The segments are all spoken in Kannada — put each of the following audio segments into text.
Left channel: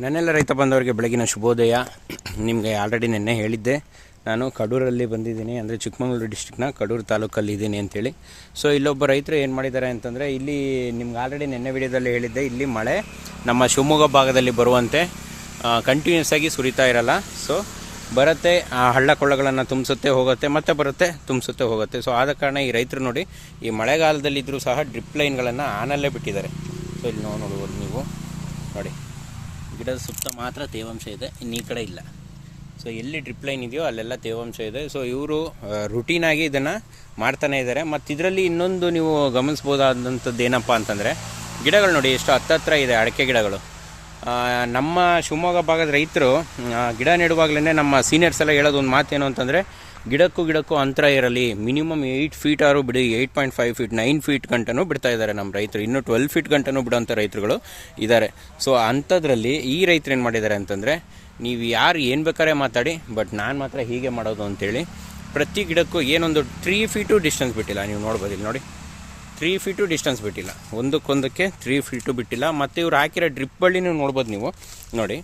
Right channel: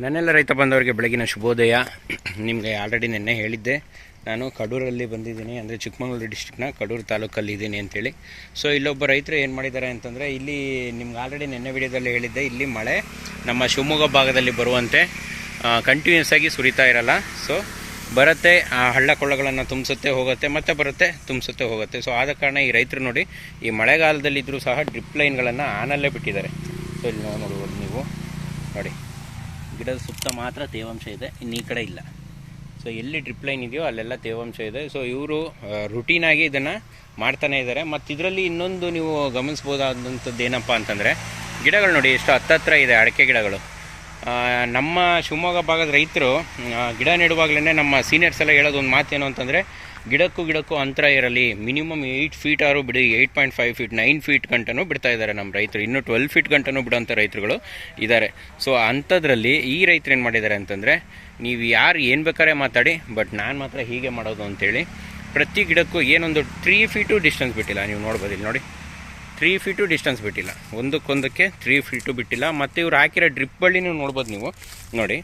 ನನ್ನೆಲ್ಲ ರೈತ ಬಂದವರಿಗೆ ಬೆಳಗಿನ ಶುಭೋದಯ. ನಿಮಗೆ ಆಲ್ರೆಡಿ ನಿನ್ನೆ ಹೇಳಿದ್ದೆ. ನಾನು ಕಡೂರಲ್ಲಿ ಬಂದಿದ್ದೀನಿ. ಅಂದರೆ ಚಿಕ್ಕಮಗಳೂರು ಡಿಸ್ಟಿಕ್ನ ಕಡೂರು ತಾಲೂಕಲ್ಲಿ ಇದ್ದೀನಿ ಅಂತೇಳಿ. ಸೊ ಇಲ್ಲೊಬ್ಬ ರೈತರು ಏನು ಮಾಡಿದ್ದಾರೆ ಅಂತಂದರೆ, ಇಲ್ಲಿ ನಿಮ್ಗೆ ಆಲ್ರೆಡಿ ನಿನ್ನೆ ವಿಡಿಯೋದಲ್ಲಿ ಹೇಳಿದ್ದೆ, ಇಲ್ಲಿ ಮಳೆ ನಮ್ಮ ಶಿವಮೊಗ್ಗ ಭಾಗದಲ್ಲಿ ಬರುವಂತೆ ಕಂಟಿನ್ಯೂಸ್ ಆಗಿ ಸುರಿತಾ ಇರಲ್ಲ. ಸೊ ಬರುತ್ತೆ, ಆ ಹಳ್ಳ ಕೊಳ್ಳಗಳನ್ನು ತುಂಬಿಸುತ್ತೆ, ಹೋಗುತ್ತೆ, ಮತ್ತೆ ಬರುತ್ತೆ, ತುಂಬಿಸುತ್ತೆ, ಹೋಗುತ್ತೆ. ಸೊ ಆದ ಕಾರಣ ಈ ರೈತರು ನೋಡಿ, ಈ ಮಳೆಗಾಲದಲ್ಲಿದ್ದರೂ ಸಹ ಡ್ರಿಪ್ ಲೈನ್ಗಳನ್ನು ಆನಲ್ಲೇ ಬಿಟ್ಟಿದ್ದಾರೆ. ಸೊ ಇಲ್ಲಿ ನೋಡಿ ನೋಡ್ಬೋದು ನೀವು. ನೋಡಿ. ಗಿಡದ ಸುತ್ತ ಮಾತ್ರ ತೇವಾಂಶ ಇದೆ, ಇನ್ನು ಈ ಕಡೆ ಇಲ್ಲ. ಸೊ ಎಲ್ಲಿ ಡ್ರಿಪ್ ಲೈನ್ ಇದೆಯೋ ಅಲ್ಲೆಲ್ಲ ತೇವಾಂಶ ಇದೆ. ಸೊ ಇವರು ರುಟೀನಾಗಿ ಇದನ್ನು ಮಾಡ್ತಾನೆ ಇದ್ದಾರೆ. ಮತ್ತು ಇದರಲ್ಲಿ ಇನ್ನೊಂದು ನೀವು ಗಮನಿಸ್ಬೋದಾದಂಥದ್ದು ಏನಪ್ಪ ಅಂತಂದರೆ, ಗಿಡಗಳು ನೋಡಿ, ಎಷ್ಟು ಹತ್ತತ್ರ ಇದೆ ಅಡಿಕೆ ಗಿಡಗಳು. ನಮ್ಮ ಶಿವಮೊಗ್ಗ ಭಾಗದ ರೈತರು ಗಿಡ ನೆಡುವಾಗಲೇ ನಮ್ಮ ಸೀನಿಯರ್ಸ್ ಎಲ್ಲ ಹೇಳೋದು ಒಂದು ಮಾತೇನು ಅಂತಂದರೆ ಗಿಡಕ್ಕೂ ಗಿಡಕ್ಕೂ ಅಂತರ ಇರಲಿ, ಮಿನಿಮಮ್ ಏಯ್ಟ್ ಫೀಟ್ ಆರು ಬಿಡಿ eight point five feet nine feet ಗಂಟನೂ ಬಿಡ್ತಾ ಇದ್ದಾರೆ ನಮ್ಮ ರೈತರು. ಇನ್ನೂ ಟ್ವೆಲ್ ಫೀಟ್ ಗಂಟನೂ ಬಿಡೋಂಥ ರೈತರುಗಳು ಇದ್ದಾರೆ. ಸೊ ಅಂಥದ್ರಲ್ಲಿ ಈ ರೈತರು ಏನು ಮಾಡಿದ್ದಾರೆ ಅಂತಂದರೆ, ನೀವು ಯಾರು ಏನು ಬೇಕಾದ್ರೆ ಮಾತಾಡಿ ಬಟ್ ನಾನು ಮಾತ್ರ ಹೀಗೆ ಮಾಡೋದು ಅಂತೇಳಿ, ಪ್ರತಿ ಗಿಡಕ್ಕೂ ಏನೊಂದು ತ್ರೀ ಫೀಟು ಡಿಸ್ಟೆನ್ಸ್ ಬಿಟ್ಟಿಲ್ಲ. ನೀವು ನೋಡ್ಬೋದು ನೋಡಿ. ತ್ರೀ ಫೀಟು ಡಿಸ್ಟೆನ್ಸ್ ಬಿಟ್ಟಿಲ್ಲ. ಒಂದಕ್ಕೊಂದಕ್ಕೆ ತ್ರೀ ಫೀಟು ಬಿಟ್ಟಿಲ್ಲ. ಮತ್ತು ಇವ್ರು ಹಾಕಿರೋ ಡ್ರಿಪ್ ನೋಡ್ಬೋದು ನೀವು. ನೋಡಿ,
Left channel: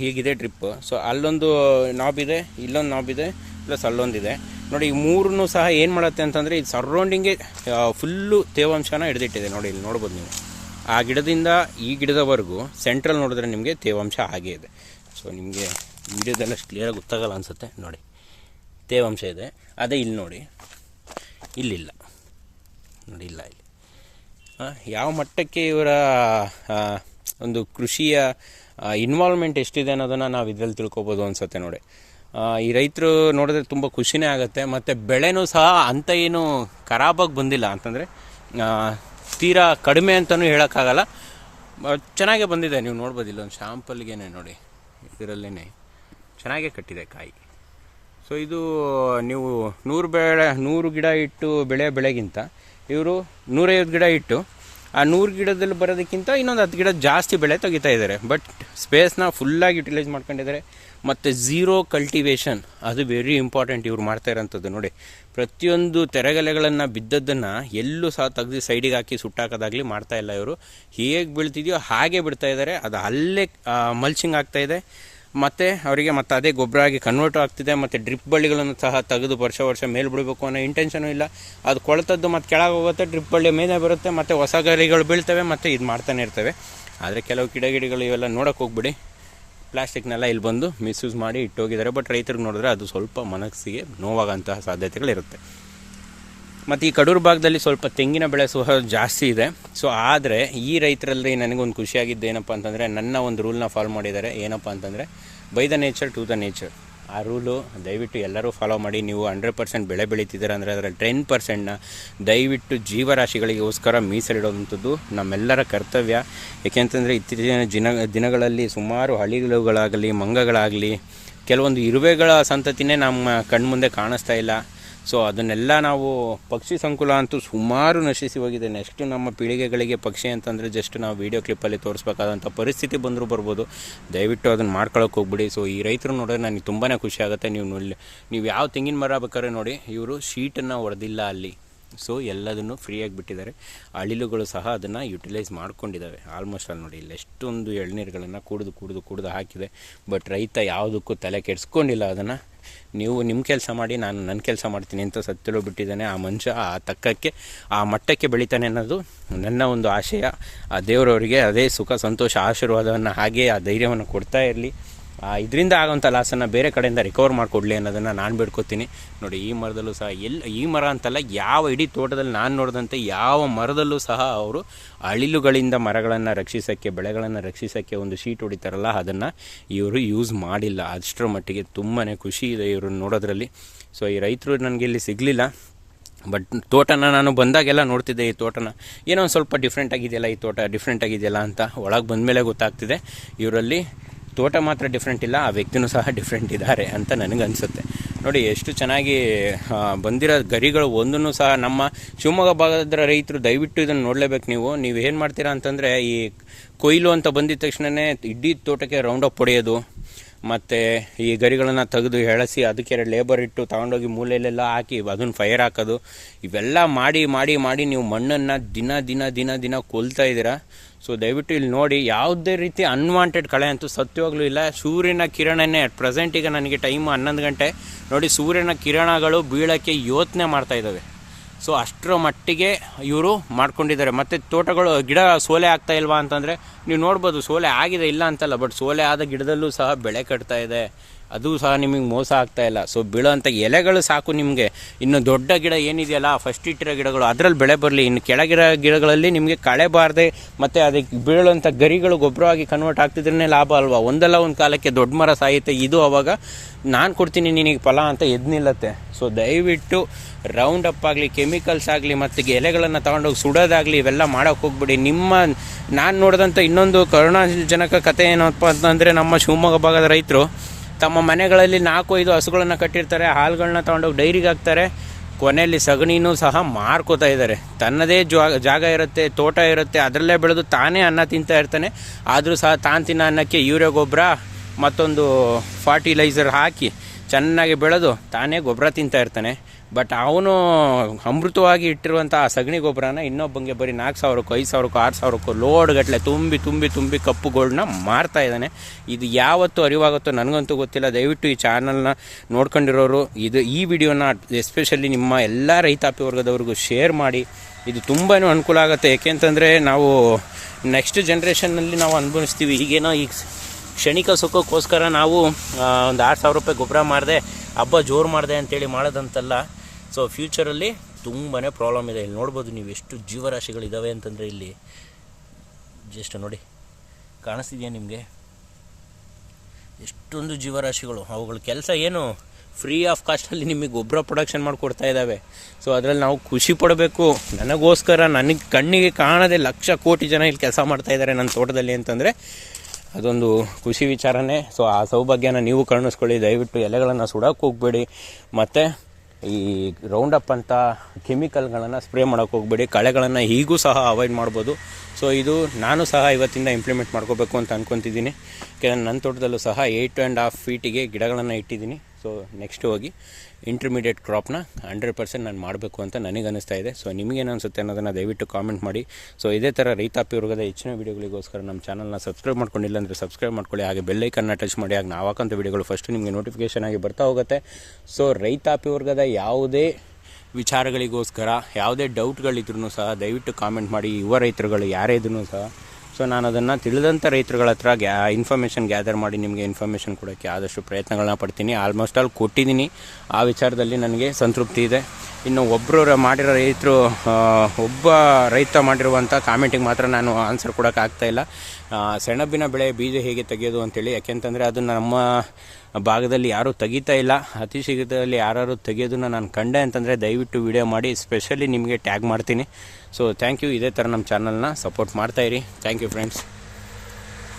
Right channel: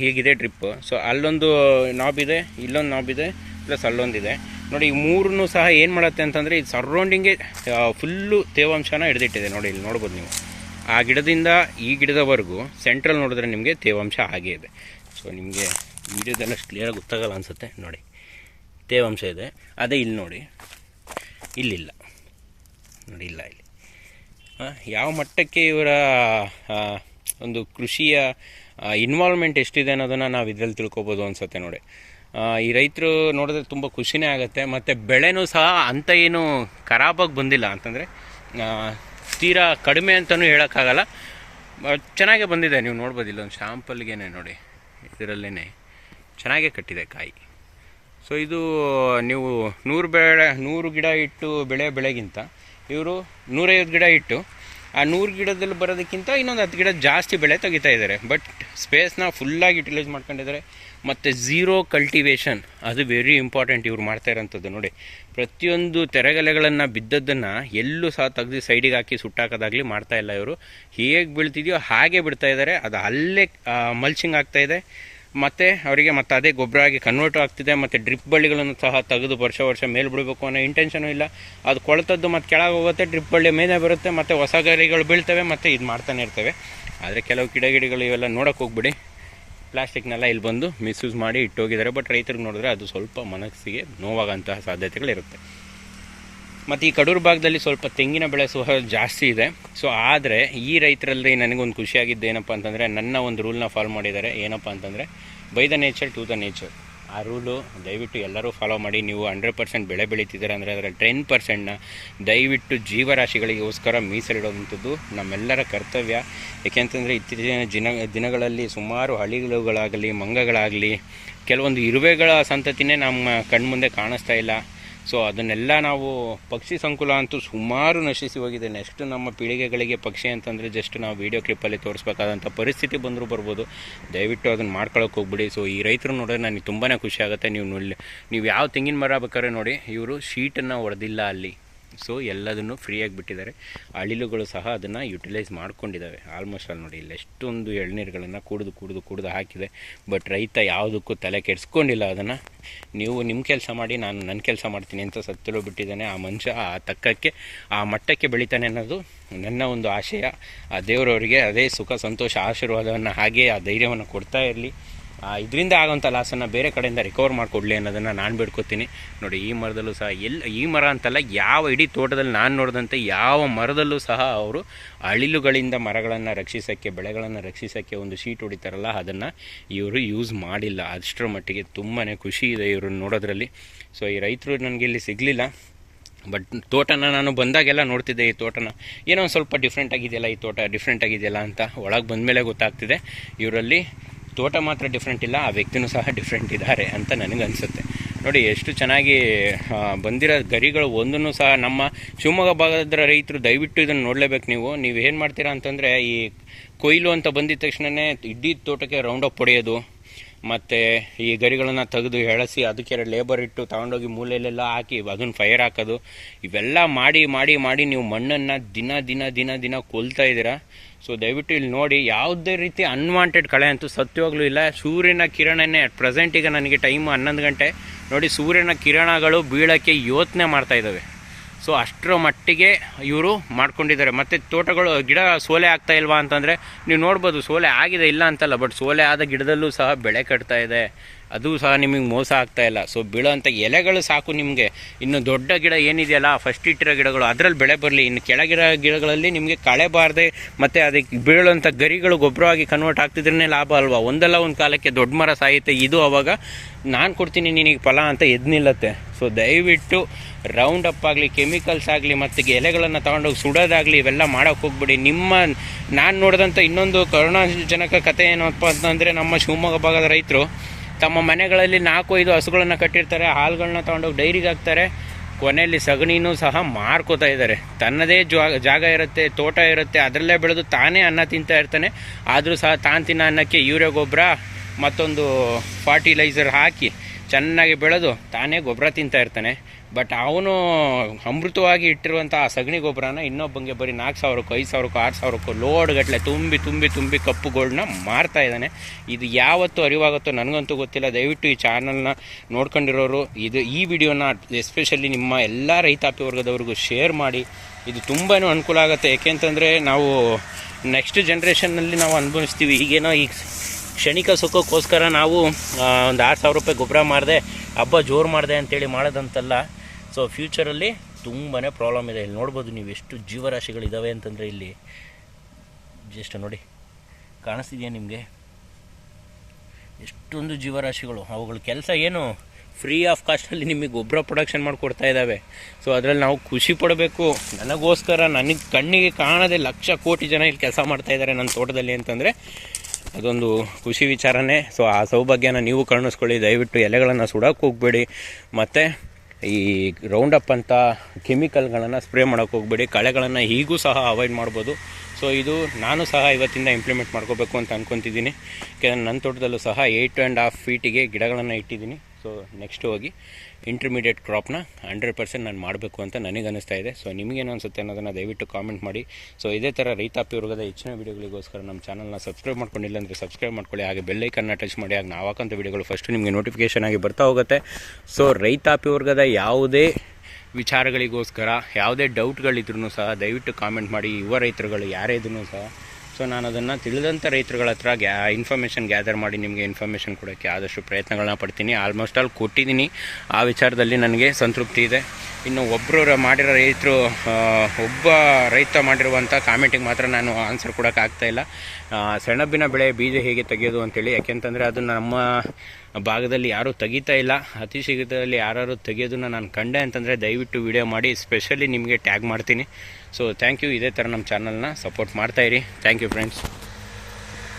ಹೀಗಿದೆ ಡ್ರಿಪ್ಪು ಸೊ ಅಲ್ಲೊಂದು ನಾಬ್ ಇದೆ, ಇಲ್ಲೊಂದು ನಾಬ್ ಇದೆ. ಪ್ಲಸ್ ಅಲ್ಲೊಂದಿದೆ. ನೋಡಿ, ಈ ಮೂರನ್ನು ಸಹ ಏನು ಮಾಡುತ್ತೆ ಅಂತಂದರೆ, ಇದು ಸರೌಂಡಿಂಗೆ ಫುಲ್ಲು ತೇವಾಂಶನ ಹಿಡಿದಿಟ್ಟಿದೆ. ನೋಡಿ, ಇಲ್ಲಿ ನೋಡ್ಬೋದು ನೀವು. ಆ ಗಿಡದಿಂದ ಈ ಗಿಡದವರೆಗೂ ಸೆಂಟ್ರಲ್ ನೋಡಿದ್ರೆ ನಿಮಗೆ ತೇವಾಂಶ ಹಾಗೆ ಇದೆ. ಸೊ ನಿಮಗೆ ವಿಡಿಯೋದೆಲ್ಲ ಕ್ಲಿಯರಾಗಿ ಗೊತ್ತಾಗಲ್ಲ ಅನಿಸುತ್ತೆ. ನೋಡಿ, ತೇವಾಂಶ ಇದೆ. ಅದೇ ಇಲ್ಲಿ ನೋಡಿ. ಇಲ್ಲಿಲ್ಲ. ನೋಡಿ, ಇಲ್ಲ ಇಲ್ಲಿ. ಯಾವ ಮಟ್ಟಕ್ಕೆ ಇವರ ಒಂದು ಕೃಷಿಯ ಇನ್ವಾಲ್ವ್ಮೆಂಟ್ ಎಷ್ಟಿದೆ ಅನ್ನೋದನ್ನು ನಾವು ಇದರಲ್ಲಿ ತಿಳ್ಕೊಬೋದು ಅನಿಸುತ್ತೆ ನೋಡಿ. ಈ ರೈತರು ನೋಡಿದ್ರೆ ತುಂಬ ಖುಷಿನೇ ಆಗುತ್ತೆ. ಮತ್ತು ಬೆಳೆನೂ ಸಹ ಅಂತ ಏನು ಖರಾಬಾಗಿ ಬಂದಿಲ್ಲ ಅಂತಂದರೆ ತೀರಾ ಕಡಿಮೆ ಅಂತಲೂ ಹೇಳೋಕ್ಕಾಗಲ್ಲ. ಚೆನ್ನಾಗೆ ಬಂದಿದೆ. ನೀವು ನೋಡ್ಬೋದು ಇಲ್ಲೊಂದು ಶಾಂಪಲ್ಗೇನೆ ನೋಡಿ. ಇದರಲ್ಲೇ ಚೆನ್ನಾಗೇ ಕಟ್ಟಿದೆ ಕಾಯಿ. ಸೊ ಇದು ನೀವು ನೂರು ಬೆಳೆ, ನೂರು ಗಿಡ ಇಟ್ಟು ಬೆಳೆ ಬೆಳೆಗಿಂತ, ಇವರು ನೂರೈವತ್ತು ಗಿಡ ಇಟ್ಟು, ಆ ನೂರು ಗಿಡದಲ್ಲಿ ಬರೋದಕ್ಕಿಂತ ಇನ್ನೊಂದು ಹತ್ತು ಗಿಡ ಜಾಸ್ತಿ ಬೆಳೆ ತೆಗಿತಾ ಇದ್ದಾರೆ. ಬಟ್ ಸ್ಪೇಸ್ನ ಫುಲ್ಲಾಗಿ ಯುಟಿಲೈಸ್ ಮಾಡ್ಕೊಂಡಿದ್ದಾರೆ. ಮತ್ತು ಝೀರೋ ಕಲ್ಟಿವೇಶನ್ ಅದು ವೆರಿ ಇಂಪಾರ್ಟೆಂಟ್ ಇವ್ರು ಮಾಡ್ತಾ ಇರೋಂಥದ್ದು ನೋಡಿ. ಪ್ರತಿಯೊಂದು ತೆರೆಗಲೆಗಳನ್ನು ಬಿದ್ದದ್ದನ್ನು ಎಲ್ಲೂ ಸಹ ತೆಗೆದು ಸೈಡಿಗೆ ಹಾಕಿ ಸುಟ್ಟಾಕೋದಾಗಲಿ ಮಾಡ್ತಾ ಇಲ್ಲ ಇವರು. ಹೇಗೆ ಬೀಳ್ತಿದೆಯೋ ಹಾಗೆ ಬಿಡ್ತಾ ಇದ್ದಾರೆ ಅದು ಅಲ್ಲೇ ಮಲ್ಚಿಂಗ್ ಆಗ್ತಾ ಇದೆ. ಮತ್ತು ಅವರಿಗೆ ಮತ್ತೆ ಅದೇ ಗೊಬ್ಬರ ಆಗಿ ಕನ್ವರ್ಟ್ ಆಗ್ತಿದೆ. ಮತ್ತು ಡ್ರಿಪ್ ಬಳ್ಳಿಗಳನ್ನು ಸಹ ತೆಗೆದು ವರ್ಷ ವರ್ಷ ಮೇಲೆ ಬಿಡಬೇಕು ಅನ್ನೋ ಇಂಟೆನ್ಷನು ಇಲ್ಲ. ಅದು ಕೊಳ್ತದ್ದು ಮತ್ತು ಕೆಳಗೆ ಹೋಗುತ್ತೆ ಡ್ರಿಪ್ ಬಳ್ಳಿ ಮೇಲೆ ಬರುತ್ತೆ. ಮತ್ತು ಹೊಸ ಗರಿಗಳು ಬೀಳ್ತವೆ, ಮತ್ತು ಇದು ಮಾಡ್ತಾನೆ ಇರ್ತವೆ. ಆದರೆ ಕೆಲವು ಗಿಡ ಗಿಡಗಳು ಇವೆಲ್ಲ ನೋಡೋಕೆ ಹೋಗ್ಬಿಡಿ. ಪ್ಲಾಸ್ಟಿಕ್ನೆಲ್ಲ ಇಲ್ಲಿ ಬಂದು ಮಿಸ್ಯೂಸ್ ಮಾಡಿ ಇಟ್ಟೋಗಿದ್ದಾರೆ. ಬಟ್ ರೈತರಿಗೆ ನೋಡಿದ್ರೆ ಅದು ಸ್ವಲ್ಪ ಮನಸ್ಸಿಗೆ ನೋವಾಗಂತಹ ಸಾಧ್ಯತೆಗಳಿರುತ್ತೆ. ಮತ್ತು ಈ ಕಡೂರು ಭಾಗದಲ್ಲಿ ಸ್ವಲ್ಪ ತೆಂಗಿನ ಬೆಳೆ ಸಹ ಜಾಸ್ತಿ ಇದೆ. ಸೊ ಆದರೆ ಈ ರೈತರಲ್ಲಿ ನನಗೊಂದು ಖುಷಿಯಾಗಿದ್ದು ಏನಪ್ಪ ಅಂತಂದರೆ, ನನ್ನ ಒಂದು ರೂಲ್ನ ಫಾಲೋ ಮಾಡಿದ್ದಾರೆ. ಏನಪ್ಪ ಅಂತಂದರೆ by the nature to the nature ಆ ರೂಲು, ದಯವಿಟ್ಟು ಎಲ್ಲರೂ ಫಾಲೋ ಮಾಡಿ. ನೀವು ಹಂಡ್ರೆಡ್ ಪರ್ಸೆಂಟ್ ಬೆಳೆ ಬೆಳೀತಿದ್ದೀರ ಅಂದರೆ ಅದರಲ್ಲಿ ಟೆನ್ ಪರ್ಸೆಂಟ್ನ ದಯವಿಟ್ಟು ಜೀವರಾಶಿಗಳಿಗೋಸ್ಕರ ಮೀಸಲಿಡುವಂಥದ್ದು ನಮ್ಮೆಲ್ಲರ ಕರ್ತವ್ಯ. ಏಕೆಂತಂದರೆ ಇತ್ತೀಚಿನ ದಿನ, ದಿನಗಳಲ್ಲಿ ಸುಮಾರು ಹಳಿಗಳಾಗಲಿ ಮಂಗಗಳಾಗಲಿ, ಕೆಲವೊಂದು ಇರುವೆಗಳ ಸಂತತಿನೇ ನಮ್ಮ ಕಣ್ಮುಂದೆ ಕಾಣಿಸ್ತಾ ಇಲ್ಲ. ಸೊ ಅದನ್ನೆಲ್ಲ ನಾವು ಪಕ್ಷಿ ಸಂಕುಲ ಅಂತೂ ಸುಮಾರು ನಶಿಸಿ ಹೋಗಿದೆ ನೆಕ್ಸ್ಟ್ ನಮ್ಮ ಪೀಳಿಗೆಗಳಿಗೆ ಪಕ್ಷಿ ಅಂತಂದರೆ ಜಸ್ಟ್ ನಾವು ವೀಡಿಯೋ ಕ್ಲಿಪ್ಪಲ್ಲಿ ತೋರಿಸ್ಬೇಕಾದಂಥ ಪರಿಸ್ಥಿತಿ ಬಂದರೂ ಬರ್ಬೋದು. ದಯವಿಟ್ಟು ಅದನ್ನು ಮಾಡ್ಕೊಳ್ಳೋಕೆ ಹೋಗ್ಬಿಡಿ. ಸೊ ಈ ರೈತರು ನೋಡಿದ್ರೆ ನನಗೆ ತುಂಬಾ ಖುಷಿ ಆಗುತ್ತೆ. ನೀವು ನೋಡಿ ನೀವು ಯಾವ ತೆಂಗಿನ ಮರ ಬೇಕಾದ್ರೆ ನೋಡಿ, ಇವರು ಶೀಟನ್ನು ಹೊಡೆದಿಲ್ಲ ಅಲ್ಲಿ. ಸೊ ಎಲ್ಲದನ್ನು ಫ್ರೀಯಾಗಿ ಬಿಟ್ಟಿದ್ದಾರೆ. ಅಳಿಲುಗಳು ಸಹ ಅದನ್ನು ಯುಟಿಲೈಸ್ ಮಾಡ್ಕೊಂಡಿದ್ದಾವೆ. ಆಲ್ಮೋಸ್ಟ್ ಅಲ್ಲಿ ನೋಡಿ ಇಲ್ಲಿ ಎಷ್ಟೊಂದು ಎಳ್ನೀರುಗಳನ್ನು ಕುಡಿದು ಕುಡಿದು ಕುಡಿದು ಹಾಕಿದೆ. ಬಟ್ ರೈತ ಯಾವುದಕ್ಕೂ ತಲೆ ಕೆಡಿಸ್ಕೊಂಡಿಲ್ಲ ಅದನ್ನು. ನೀವು ನಿಮ್ಮ ಕೆಲಸ ಮಾಡಿ, ನಾನು ನನ್ನ ಕೆಲಸ ಮಾಡ್ತೀನಿ ಅಂತ ಸತ್ತಿರೋ ಬಿಟ್ಟಿದ್ದಾನೆ. ಆ ಮನುಷ್ಯ ಆ ತಕ್ಕಕ್ಕೆ, ಆ ಮಟ್ಟಕ್ಕೆ ಬೆಳಿತಾನೆ ಅನ್ನೋದು ನನ್ನ ಒಂದು ಆಶಯ. ಆ ದೇವರವರಿಗೆ ಅದೇ ಸುಖ, ಸಂತೋಷ, ಆಶೀರ್ವಾದವನ್ನು ಹಾಗೆ ಆ ಧೈರ್ಯವನ್ನು ಕೊಡ್ತಾ ಇರಲಿ. ಇದರಿಂದ ಆಗೋಂಥ ಲಾಸನ್ನು ಬೇರೆ ಕಡೆಯಿಂದ ರಿಕವರ್ ಮಾಡಿಕೊಡ್ಲಿ ಅನ್ನೋದನ್ನು ನಾನು ಬೇಡ್ಕೋತೀನಿ. ನೋಡಿ, ಈ ಮರದಲ್ಲೂ ಸಹ ಎಲ್ಲ ಈ ಮರ ಅಂತಲ್ಲ ಯಾವ ಇಡೀ ತೋಟದಲ್ಲಿ ನಾನು ನೋಡಿದಂತೆ ಯಾವ ಮರದಲ್ಲೂ ಸಹ ಅವರು ಅಳಿಲುಗಳಿಂದ ಮರಗಳನ್ನು ರಕ್ಷಿಸೋಕ್ಕೆ, ಬೆಳೆಗಳನ್ನು ರಕ್ಷಿಸೋಕ್ಕೆ ಒಂದು ಶೀಟ್ ಹೊಡಿತಾರಲ್ಲ, ಅದನ್ನು ಇವರು ಯೂಸ್ ಮಾಡಿಲ್ಲ. ಅಷ್ಟರ ಮಟ್ಟಿಗೆ ತುಂಬಾ ಖುಷಿ ಇದೆ ಇವ್ರನ್ನ ನೋಡೋದ್ರಲ್ಲಿ. ಸೊ ಈ ರೈತರು ನನಗೆ ಇಲ್ಲಿ ಸಿಗಲಿಲ್ಲ. ಬಟ್ ತೋಟನ ನಾನು ಬಂದಾಗೆಲ್ಲ ನೋಡ್ತಿದ್ದೆ, ಈ ತೋಟನ. ಏನೋ ಒಂದು ಸ್ವಲ್ಪ ಡಿಫ್ರೆಂಟ್ ಆಗಿದೆಯಲ್ಲ, ಈ ತೋಟ ಡಿಫ್ರೆಂಟ್ ಆಗಿದೆಯಲ್ಲ ಅಂತ ಒಳಗೆ ಬಂದಮೇಲೆ ಗೊತ್ತಾಗ್ತಿದೆ. ಇವರಲ್ಲಿ ತೋಟ ಮಾತ್ರ ಡಿಫ್ರೆಂಟ್ ಇಲ್ಲ, ಆ ವ್ಯಕ್ತಿನೂ ಸಹ ಡಿಫ್ರೆಂಟ್ ಇದ್ದಾರೆ ಅಂತ ನನಗನ್ಸುತ್ತೆ. ನೋಡಿ, ಎಷ್ಟು ಚೆನ್ನಾಗಿ ಬಂದಿರೋ ಗರಿಗಳು ಒಂದನ್ನು ಸಹ ನಮ್ಮ ಶಿವಮೊಗ್ಗ ಭಾಗದ ರೈತರು ದಯವಿಟ್ಟು ಇದನ್ನು ನೋಡಲೇಬೇಕು ನೀವು. ನೀವು ಏನು ಮಾಡ್ತೀರಾ ಅಂತಂದರೆ, ಈ ಕೊಯ್ಲು ಅಂತ ಬಂದಿದ ತಕ್ಷಣವೇ ಇಡೀ ತೋಟಕ್ಕೆ ರೌಂಡ್ ಅಪ್ ಹೊಡೆಯೋದು, ಮತ್ತು ಈ ಗರಿಗಳನ್ನು ತೆಗೆದು ಎಳಸಿ ಅದಕ್ಕೆ ಎರಡು ಲೇಬರ್ ಇಟ್ಟು ತಗೊಂಡೋಗಿ ಮೂಲೆಯಲ್ಲೆಲ್ಲ ಹಾಕಿ, ಅದನ್ನು ಫೈರ್ ಹಾಕೋದು, ಇವೆಲ್ಲ ಮಾಡಿ ಮಾಡಿ ಮಾಡಿ ನೀವು ಮಣ್ಣನ್ನು ದಿನ ದಿನ ದಿನ ದಿನ ಕೊಲ್ತಾ ಇದ್ದೀರಾ? ಸೊ ದಯವಿಟ್ಟು ಇಲ್ಲಿ ನೋಡಿ, ಯಾವುದೇ ರೀತಿ ಅನ್ವಾಂಟೆಡ್ ಕಳೆ ಅಂತೂ ಸತ್ಯವಾಗಲೂ ಇಲ್ಲ. ಸೂರ್ಯನ ಕಿರಣನೇ ಪ್ರೆಸೆಂಟ್ ಈಗ ನನಗೆ ಟೈಮ್ ಹನ್ನೊಂದು ಗಂಟೆ. ನೋಡಿ, ಸೂರ್ಯನ ಕಿರಣಗಳು ಬೀಳೋಕ್ಕೆ ಯೋಚನೆ ಮಾಡ್ತಾ ಇದ್ದಾವೆ. ಸೊ ಅಷ್ಟರ ಮಟ್ಟಿಗೆ ಇವರು ಮಾಡ್ಕೊಂಡಿದ್ದಾರೆ. ಮತ್ತು ತೋಟಗಳು, ಗಿಡ ಸೋಲೆ ಆಗ್ತಾ ಇಲ್ವಾ ಅಂತಂದರೆ, ನೀವು ನೋಡ್ಬೋದು ಸೋಲೆ ಆಗಿದೆ ಇಲ್ಲ ಅಂತಲ್ಲ ಬಟ್ ಸೋಲೆ ಆದ ಗಿಡದಲ್ಲೂ ಸಹ ಬೆಳೆ ಕಟ್ತಾ ಇದೆ. ಅದು ಸಹ ನಿಮಗೆ ಮೋಸ ಆಗ್ತಾ ಇಲ್ಲ. ಸೊ ಬೀಳೋಂಥ ಎಲೆಗಳು ಸಾಕು ನಿಮಗೆ. ಇನ್ನು ದೊಡ್ಡ ಗಿಡ ಏನಿದೆಯಲ್ಲ ಫಸ್ಟ್ ಇಟ್ಟಿರೋ ಗಿಡಗಳು, ಅದರಲ್ಲಿ ಬೆಳೆ ಬರಲಿ. ಇನ್ನು ಕೆಳಗಿರೋ ಗಿಡಗಳಲ್ಲಿ ನಿಮಗೆ ಕಳೆ ಬಾರದೆ, ಮತ್ತು ಅದಕ್ಕೆ ಬೀಳೋಂಥ ಗರಿಗಳು ಗೊಬ್ಬರವಾಗಿ ಕನ್ವರ್ಟ್ ಆಗ್ತಿದ್ರೇ ಲಾಭ ಅಲ್ವಾ? ಒಂದಲ್ಲ ಒಂದು ಕಾಲಕ್ಕೆ ದೊಡ್ಡ ಮರ ಸಾಯುತ್ತೆ. ಇದು ಅವಾಗ ನಾನು ಕೊಡ್ತೀನಿ, ನಿನಗೆ ಫಲ ಅಂತ ಎದ್ದು ನಿಲ್ಲತ್ತೆ. ಸೊ ದಯವಿಟ್ಟು ರೌಂಡ್ ಅಪ್ ಆಗಲಿ ಕೆಮಿಕಲ್ಸ್ ಆಗಲಿ, ಮತ್ತು ಎಲೆಗಳನ್ನು ತಗೊಂಡೋಗಿ ಸುಡೋದಾಗಲಿ, ಇವೆಲ್ಲ ಮಾಡೋಕೆ ಹೋಗ್ಬಿಡಿ. ನಿಮ್ಮ, ನಾನು ನೋಡಿದಂಥ ಇನ್ನೊಂದು ಕರುಣಾಜನಕ ಕಥೆ ಏನಪ್ಪ ಅಂತಂದರೆ, ನಮ್ಮ ಶಿವಮೊಗ್ಗ ಭಾಗದ ರೈತರು ತಮ್ಮ ಮನೆಗಳಲ್ಲಿ ನಾಲ್ಕು, ಐದು ಹಸುಗಳನ್ನು ಕಟ್ಟಿರ್ತಾರೆ, ಹಾಲುಗಳನ್ನ ತಗೊಂಡೋಗಿ ಡೈರಿಗೆ ಹಾಕ್ತಾರೆ. ಕೊನೆಯಲ್ಲಿ ಸಗಣಿನೂ ಸಹ ಮಾರ್ಕೋತಾ ಇದ್ದಾರೆ. ತನ್ನದೇ ಜಾಗ ಇರುತ್ತೆ, ತೋಟ ಇರುತ್ತೆ, ಅದರಲ್ಲೇ ಬೆಳೆದು ತಾನೇ ಅನ್ನ ತಿಂತಾ ಇರ್ತಾನೆ. ಆದರೂ ಸಹ ತಾನು ತಿನ್ನೋ ಅನ್ನಕ್ಕೆ ಯೂರಿಯಾ ಗೊಬ್ಬರ ಮತ್ತೊಂದು ಫರ್ಟಿಲೈಸರ್ ಹಾಕಿ ಚೆನ್ನಾಗಿ ಬೆಳೆದು ತಾನೇ ಗೊಬ್ಬರ ತಿಂತಾ ಇರ್ತಾನೆ. ಬಟ್ ಅವನು ಅಮೃತವಾಗಿ ಇಟ್ಟಿರುವಂಥ ಆ ಸಗಣಿ ಗೊಬ್ಬರನ ಇನ್ನೊಬ್ಬಂಗೆ ಬರೀ ನಾಲ್ಕು ಸಾವಿರಕ್ಕೂ, ಐದು ಸಾವಿರಕ್ಕೂ, ಆರು ಸಾವಿರಕ್ಕೂ ಲೋಡ್ ಗಟ್ಟಲೆ ತುಂಬಿ ತುಂಬಿ ತುಂಬಿ ಕಪ್ಪುಗಳನ್ನ ಮಾರ್ತಾ ಇದ್ದಾನೆ. ಇದು ಯಾವತ್ತು ಅರಿವಾಗುತ್ತೋ ನನಗಂತೂ ಗೊತ್ತಿಲ್ಲ. ದಯವಿಟ್ಟು ಈ ಚಾನಲ್ನ ನೋಡ್ಕೊಂಡಿರೋರು ಇದು ಈ ವಿಡಿಯೋನ ಎಸ್ಪೆಷಲಿ ನಿಮ್ಮ ಎಲ್ಲ ರೈತಾಪಿ ವರ್ಗದವ್ರಿಗೂ ಶೇರ್ ಮಾಡಿ. ಇದು ತುಂಬಾ ಅನುಕೂಲ ಆಗುತ್ತೆ. ಏಕೆಂತಂದರೆ ನಾವು ನೆಕ್ಸ್ಟ್ ಜನ್ರೇಷನ್ನಲ್ಲಿ ನಾವು ಅನುಭವಿಸ್ತೀವಿ. ಈಗೇನೋ ಈಗ ಕ್ಷಣಿಕ ಸುಖಕ್ಕೋಸ್ಕರ ನಾವು ಒಂದು ಆರು ಸಾವಿರ ರೂಪಾಯಿ ಗೊಬ್ಬರ ಮಾಡಿದೆ, ಹಬ್ಬ ಜೋರು ಮಾಡಿದೆ ಅಂತೇಳಿ ಮಾಡೋದಂತಲ್ಲ. ಸೊ ಫ್ಯೂಚರಲ್ಲಿ ತುಂಬಾ ಪ್ರಾಬ್ಲಮ್ ಇದೆ. ಇಲ್ಲಿ ನೋಡ್ಬೋದು ನೀವು ಎಷ್ಟು ಜೀವರಾಶಿಗಳಿದ್ದಾವೆ ಅಂತಂದರೆ ಇಲ್ಲಿ ಜಸ್ಟ್ ನೋಡಿ. ಕಾಣಿಸ್ತಿದೆಯಾ ನಿಮಗೆ? ಎಷ್ಟೊಂದು ಜೀವರಾಶಿಗಳು. ಅವುಗಳ ಕೆಲಸ ಏನು? ಫ್ರೀ ಆಫ್ ಕಾಸ್ಟಲ್ಲಿ ನಿಮಗೆ ಗೊಬ್ಬರ ಪ್ರೊಡಕ್ಷನ್ ಮಾಡಿಕೊಡ್ತಾ ಇದ್ದಾವೆ ಸೊ ಅದರಲ್ಲಿ ನಾವು ಖುಷಿ ಪಡಬೇಕು. ನನಗೋಸ್ಕರ ನನಗೆ ಕಣ್ಣಿಗೆ ಕಾಣದೆ ಲಕ್ಷ ಕೋಟಿ ಜನ ಇಲ್ಲಿ ಕೆಲಸ ಮಾಡ್ತಾ ಇದ್ದಾರೆ ನನ್ನ ತೋಟದಲ್ಲಿ ಅಂತಂದರೆ ಅದೊಂದು ಖುಷಿ ವಿಚಾರನೇ. ಸೊ ಆ ಸೌಭಾಗ್ಯನ ನೀವು ಕಾಣಿಸ್ಕೊಳ್ಳಿ ದಯವಿಟ್ಟು ಎಲೆಗಳನ್ನು ಸುಡೋಕೆ ಹೋಗಬೇಡಿ. ಮತ್ತು ಈ ರೌಂಡಪ್ ಅಂತ ಕೆಮಿಕಲ್ಗಳನ್ನು ಸ್ಪ್ರೇ ಮಾಡೋಕೆ ಹೋಗಬೇಡಿ. ಕಳೆಗಳನ್ನು ಹೀಗೂ ಸಹ ಅವಾಯ್ಡ್ ಮಾಡ್ಬೋದು. ಸೊ ಇದು ನಾನು ಸಹ ಇವತ್ತಿಂದ ಇಂಪ್ಲಿಮೆಂಟ್ ಮಾಡ್ಕೋಬೇಕು ಅಂತ ಅಂದ್ಕೊತಿದ್ದೀನಿ ಯಾಕೆಂದರೆ ನನ್ನ ತೋಟದಲ್ಲೂ ಸಹ ಏಯ್ಟ್ ಆ್ಯಂಡ್ ಹಾಫ್ ಫೀಟಿಗೆ ಗಿಡಗಳನ್ನು ಇಟ್ಟಿದ್ದೀನಿ. ಸೊ ನೆಕ್ಸ್ಟ್ ಹೋಗಿ ಇಂಟರ್ಮೀಡಿಯೇಟ್ ಕ್ರಾಪ್ನ ಹಂಡ್ರೆಡ್ ಪರ್ಸೆಂಟ್ ನಾನು ಮಾಡಬೇಕು ಅಂತ ನನಗೆ ಅನಿಸ್ತಾ ಇದೆ. ಸೊ ನಿಮಗೇನು ಅನಿಸುತ್ತೆ ಅನ್ನೋದನ್ನು ದಯವಿಟ್ಟು ಕಾಮೆಂಟ್ ಮಾಡಿ. ಸೊ ಇದೇ ಥರ ರೈತಾಪಿ ವರ್ಗದ ಹೆಚ್ಚಿನ ವೀಡಿಯೋಗಳಿಗೋಸ್ಕರ ನಮ್ಮ ಚಾನಲ್ನ ಸಬ್ಸ್ಕ್ರೈಬ್ ಮಾಡ್ಕೊಂಡಿಲ್ಲ ಅಂದರೆ ಸಬ್ಸ್ಕ್ರೈಬ್ ಮಾಡ್ಕೊಳ್ಳಿ. ಹಾಗೆ ಬೆಲ್ಲೈಕನ್ನ ಟಚ್ ಮಾಡಿ. ಆಗ ನಾವು ಹಾಕೋಂಥ ವೀಡಿಯೋಗಳು ಫಸ್ಟ್ ನಿಮಗೆ ನೋಟಿಫಿಕೇಷನ್ ಆಗಿ ಬರ್ತಾ ಹೋಗುತ್ತೆ. ಸೊ ರೈತಾಪಿ ವರ್ಗದ ಯಾವುದೇ ವಿಚಾರಗಳಿಗೋಸ್ಕರ, ಯಾವುದೇ ಡೌಟ್ಗಳಿದ್ರೂ ಸಹ ದಯವಿಟ್ಟು ಕಾಮೆಂಟ್ ಮಾಡಿ. ಯುವ ರೈತರುಗಳು ಯಾರೇ ಇದ್ರೂ ಸಹ ಸೊ ನಾನು ಅದನ್ನು ತಿಳಿದಂಥ ರೈತರುಗಳ ಹತ್ರ ಗ್ಯಾ ಇನ್ಫಾರ್ಮೇಷನ್ ಗ್ಯಾದರ್ ಮಾಡಿ ನಿಮಗೆ ಇನ್ಫಾರ್ಮೇಷನ್ ಕೊಡೋಕ್ಕೆ ಆದಷ್ಟು ಪ್ರಯತ್ನಗಳನ್ನ ಪಡ್ತೀನಿ. ಆಲ್ಮೋಸ್ಟ್ ಆಲ್ ಕೊಟ್ಟಿದ್ದೀನಿ. ಆ ವಿಚಾರದಲ್ಲಿ ನನಗೆ ಸಂತೃಪ್ತಿ ಇದೆ. ಇನ್ನು ಒಬ್ಬರು ಮಾಡಿರೋ ರೈತರು ಒಬ್ಬ ರೈತ ಮಾಡಿರುವಂಥ ಕಾಮೆಂಟಿಗೆ ಮಾತ್ರ ನಾನು ಆನ್ಸರ್ ಕೊಡೋಕ್ಕಾಗ್ತಾ ಇಲ್ಲ. ಆ, ಸೆಣಬಿನ ಬೆಳೆ ಬೀಜ ಹೇಗೆ ತೆಗೆಯೋದು ಅಂತೇಳಿ ಯಾಕೆಂತಂದರೆ ಅದು ನಮ್ಮ ಭಾಗದಲ್ಲಿ ಯಾರೂ ತೆಗಿತಾ ಇಲ್ಲ. ಅತಿ ಶೀಘ್ರದಲ್ಲಿ ಯಾರು ತೆಗೆಯೋದನ್ನು ನಾನು ಕಂಡೆ ಅಂತಂದರೆ ದಯವಿಟ್ಟು ವಿಡಿಯೋ ಮಾಡಿ ಸ್ಪೆಷಲಿ ನಿಮಗೆ ಟ್ಯಾಗ್ ಮಾಡ್ತೀನಿ. ಸೊ ಥ್ಯಾಂಕ್ ಯು ಇದೇ ಥರ ನಮ್ಮ ಚಾನಲ್ನ ಸಪೋರ್ಟ್ ಮಾಡ್ತಾಯಿರಿ ಥ್ಯಾಂಕ್ ಯು ಫ್ರೆಂಡ್ಸ್